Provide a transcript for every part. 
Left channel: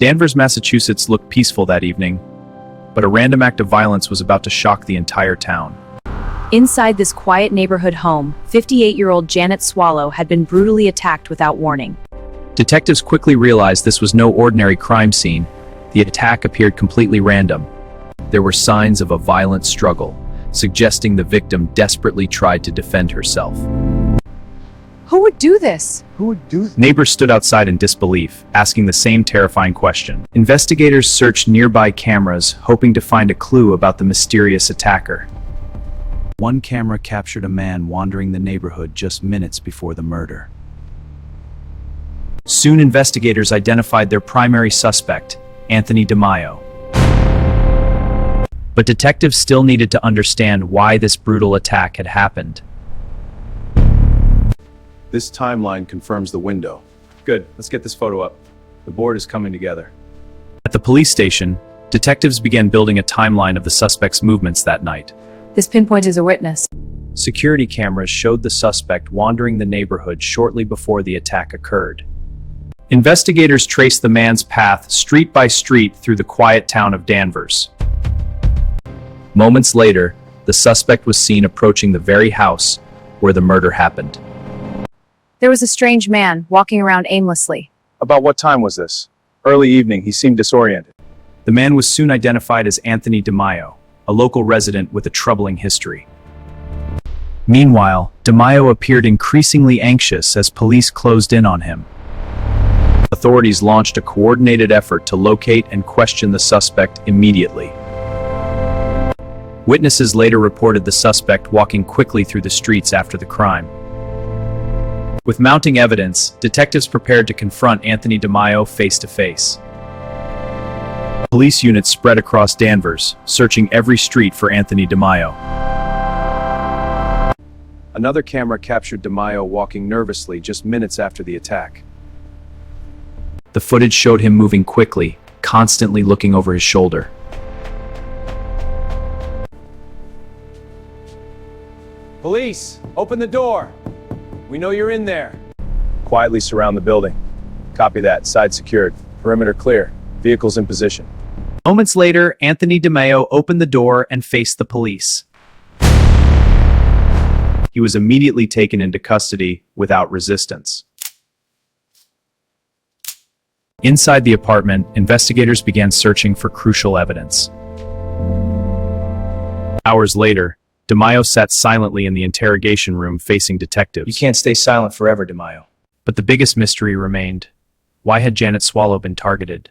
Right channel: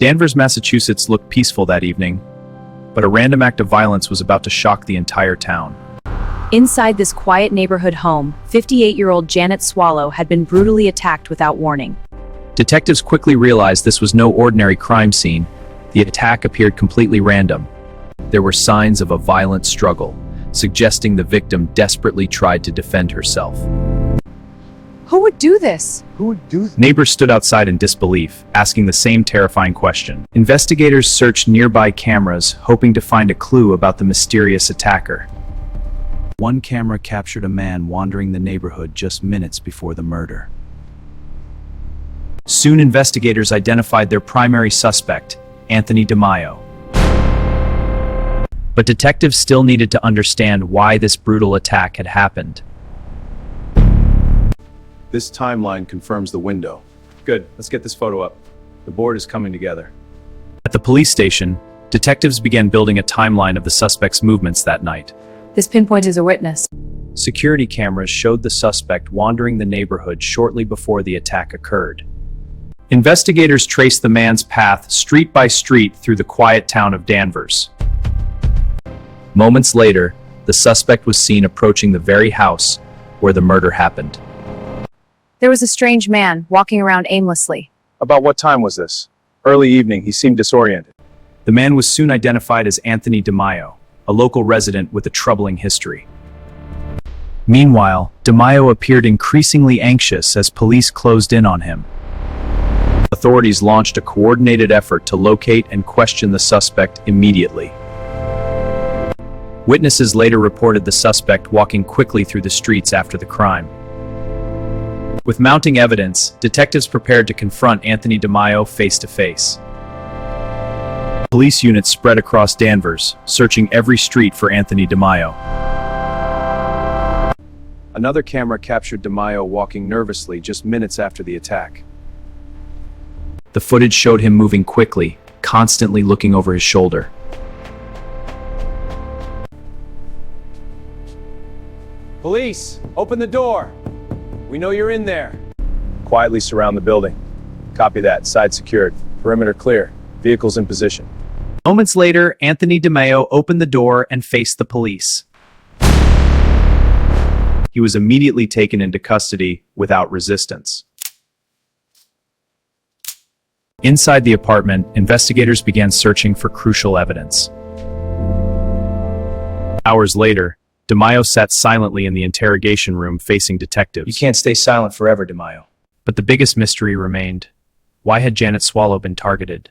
Danvers, Massachusetts looked peaceful that evening, but a random act of violence was about to shock the entire town. Inside this quiet neighborhood home, 58-year-old Janet Swallow had been brutally attacked without warning. Detectives quickly realized this was no ordinary crime scene. The attack appeared completely random. There were signs of a violent struggle, suggesting the victim desperately tried to defend herself. Who would do this? Neighbors stood outside in disbelief, asking the same terrifying question. Investigators searched nearby cameras, hoping to find a clue about the mysterious attacker. One camera captured a man wandering the neighborhood just minutes before the murder. Soon, investigators identified their primary suspect, Anthony DeMaio. But detectives still needed to understand why this brutal attack had happened. This timeline confirms the window. Good, let's get this photo up. The board is coming together. At the police station, detectives began building a timeline of the suspect's movements that night. This pinpoint is a witness. Security cameras showed the suspect wandering the neighborhood shortly before the attack occurred. Investigators traced the man's path street by street through the quiet town of Danvers. Moments later, the suspect was seen approaching the very house where the murder happened. There was a strange man walking around aimlessly. About what time was this? Early evening, he seemed disoriented. The man was soon identified as Anthony DeMaio, a local resident with a troubling history. Meanwhile, DeMaio appeared increasingly anxious as police closed in on him. Authorities launched a coordinated effort to locate and question the suspect immediately. Witnesses later reported the suspect walking quickly through the streets after the crime. With mounting evidence, detectives prepared to confront Anthony DeMaio face to face. Police units spread across Danvers, searching every street for Anthony DeMaio. Another camera captured DeMaio walking nervously just minutes after the attack. The footage showed him moving quickly, constantly looking over his shoulder. Police, open the door. We know you're in there. Quietly surround the building. Copy that. Side secured. Perimeter clear. Vehicles in position. Moments later, Anthony DeMaio opened the door and faced the police. He was immediately taken into custody without resistance. Inside the apartment, investigators began searching for crucial evidence. Hours later, DeMaio sat silently in the interrogation room facing detectives. You can't stay silent forever, DeMaio. But the biggest mystery remained. Why had Janet Swallow been targeted?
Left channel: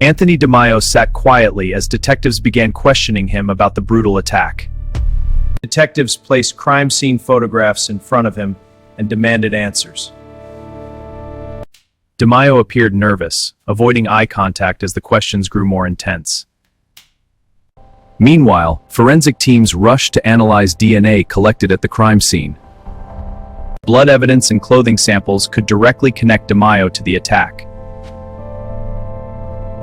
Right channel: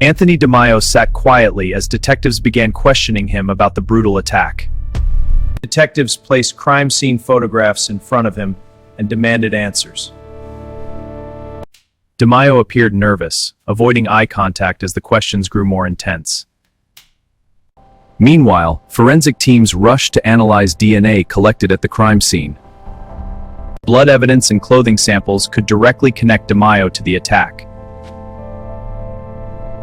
Anthony DeMaio sat quietly as detectives began questioning him about the brutal attack. Detectives placed crime scene photographs in front of him and demanded answers. DeMaio appeared nervous, avoiding eye contact as the questions grew more intense. Meanwhile, forensic teams rushed to analyze DNA collected at the crime scene. Blood evidence and clothing samples could directly connect DeMaio to the attack.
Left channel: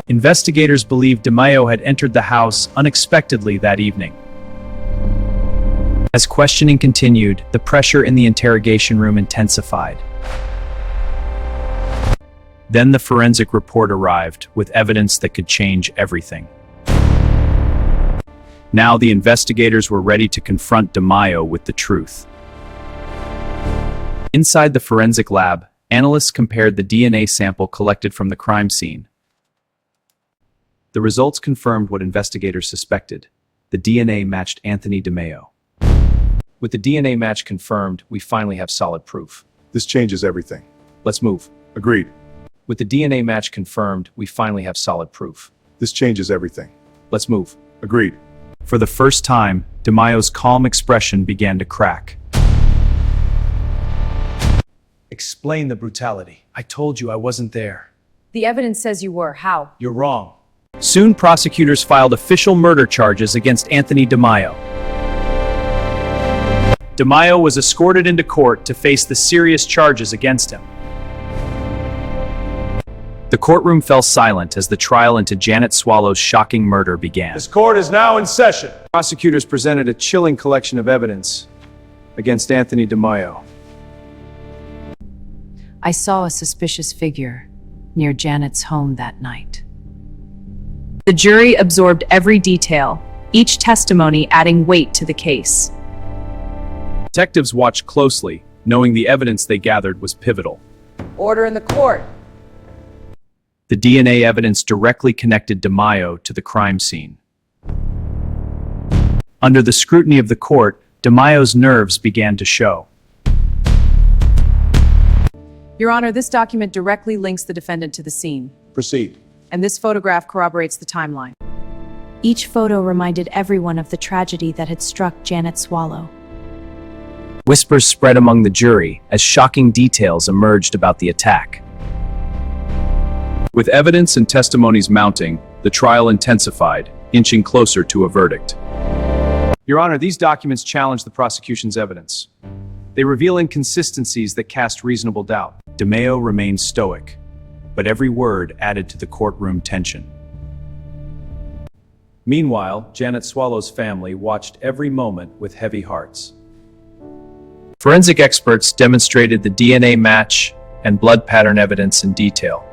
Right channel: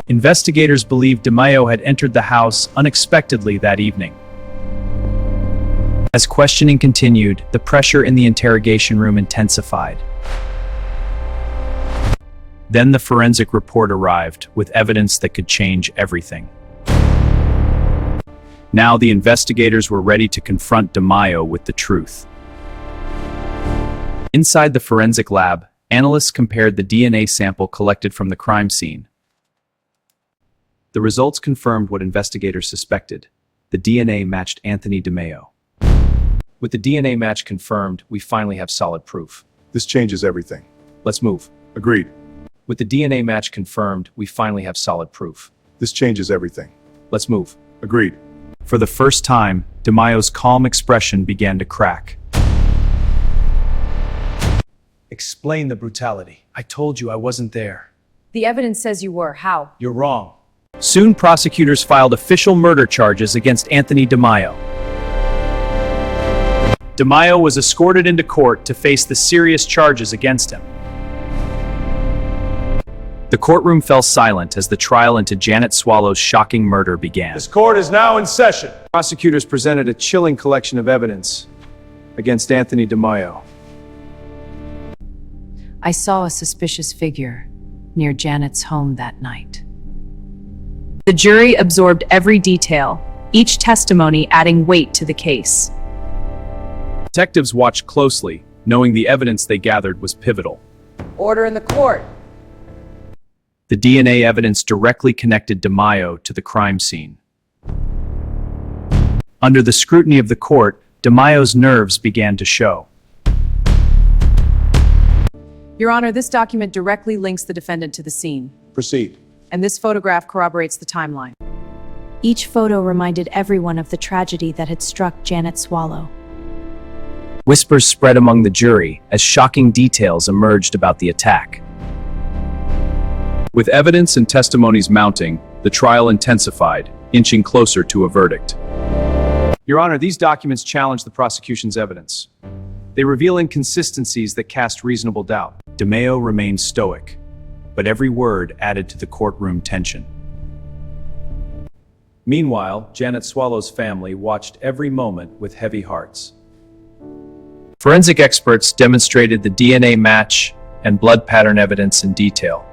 Investigators believed DeMaio had entered the house unexpectedly that evening. As questioning continued, the pressure in the interrogation room intensified. Then the forensic report arrived with evidence that could change everything. Now the investigators were ready to confront DeMaio with the truth. Inside the forensic lab, analysts compared the DNA sample collected from the crime scene. The results confirmed what investigators suspected. The DNA matched Anthony DeMaio. With the DNA match confirmed, we finally have solid proof. This changes everything. Let's move. Agreed. With the DNA match confirmed, we finally have solid proof. This changes everything. Let's move. Agreed. For the first time, DeMaio's calm expression began to crack. Explain the brutality. I told you I wasn't there. The evidence says you were. How? You're wrong. Soon, prosecutors filed official murder charges against Anthony DeMaio. DeMaio was escorted into court to face the serious charges against him. The courtroom fell silent as the trial into Janet Swallow's shocking murder began. This court is now in session. Prosecutors presented a chilling collection of evidence against Anthony DeMaio. I saw a suspicious figure. near Janet's home that night. The jury absorbed every detail, each testimony adding weight to the case. Detectives watched closely, knowing the evidence they gathered was pivotal. Order in the court. The DNA evidence directly connected DeMaio to the crime scene. Under the scrutiny of the court, DeMaio's nerves began to show. Your Honor, this document directly links the defendant to the scene, Proceed. and this photograph corroborates the timeline. Each photo reminded everyone of the tragedy that had struck Janet Swallow. Whispers spread among the jury as shocking details emerged about the attack. With evidence and testimonies mounting, the trial intensified, inching closer to a verdict. Your Honor, these documents challenge the prosecution's evidence. They reveal inconsistencies that cast reasonable doubt. DeMaio remained stoic, but every word added to the courtroom tension. Meanwhile, Janet Swallow's family watched every moment with heavy hearts. Forensic experts demonstrated the DNA match and blood pattern evidence in detail.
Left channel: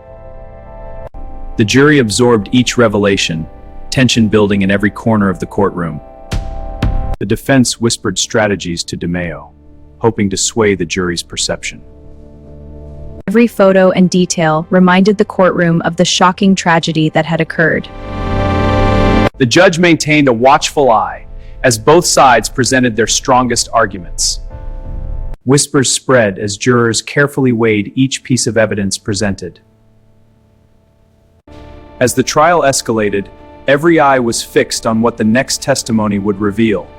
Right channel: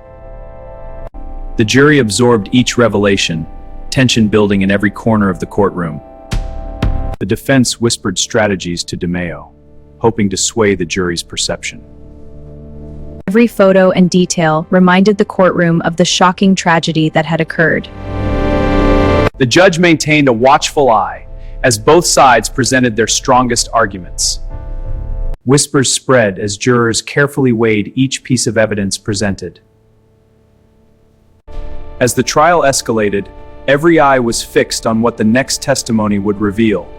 The jury absorbed each revelation, tension building in every corner of the courtroom. The defense whispered strategies to DeMaio, hoping to sway the jury's perception. Every photo and detail reminded the courtroom of the shocking tragedy that had occurred. The judge maintained a watchful eye as both sides presented their strongest arguments. Whispers spread as jurors carefully weighed each piece of evidence presented. As the trial escalated, every eye was fixed on what the next testimony would reveal.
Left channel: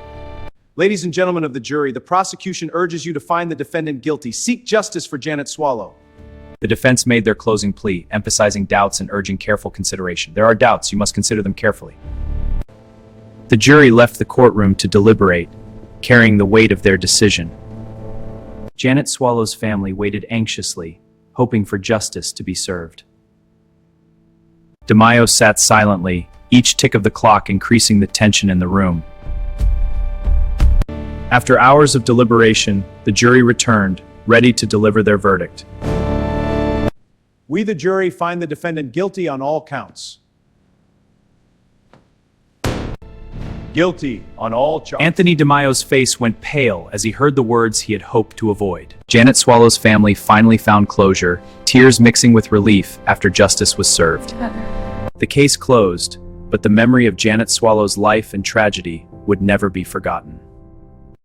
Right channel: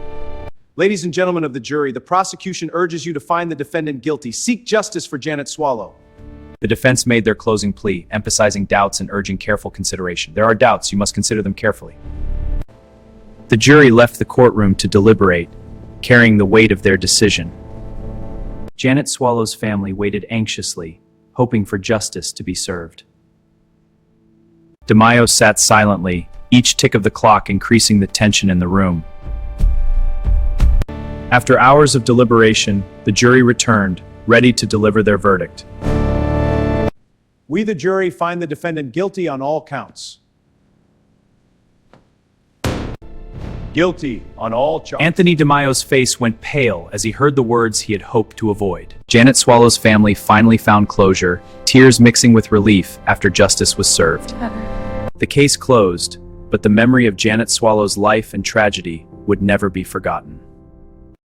Ladies and gentlemen of the jury, the prosecution urges you to find the defendant guilty. Seek justice for Janet Swallow. The defense made their closing plea, emphasizing doubts and urging careful consideration. There are doubts, you must consider them carefully. The jury left the courtroom to deliberate, carrying the weight of their decision. Janet Swallow's family waited anxiously, hoping for justice to be served. DeMaio sat silently, each tick of the clock increasing the tension in the room. After hours of deliberation, the jury returned, ready to deliver their verdict. We, the jury, find the defendant guilty on all counts. Guilty on all charges. Anthony DeMaio's face went pale as he heard the words he had hoped to avoid. Janet Swallow's family finally found closure, tears mixing with relief after justice was served. The case closed, but the memory of Janet Swallow's life and tragedy would never be forgotten.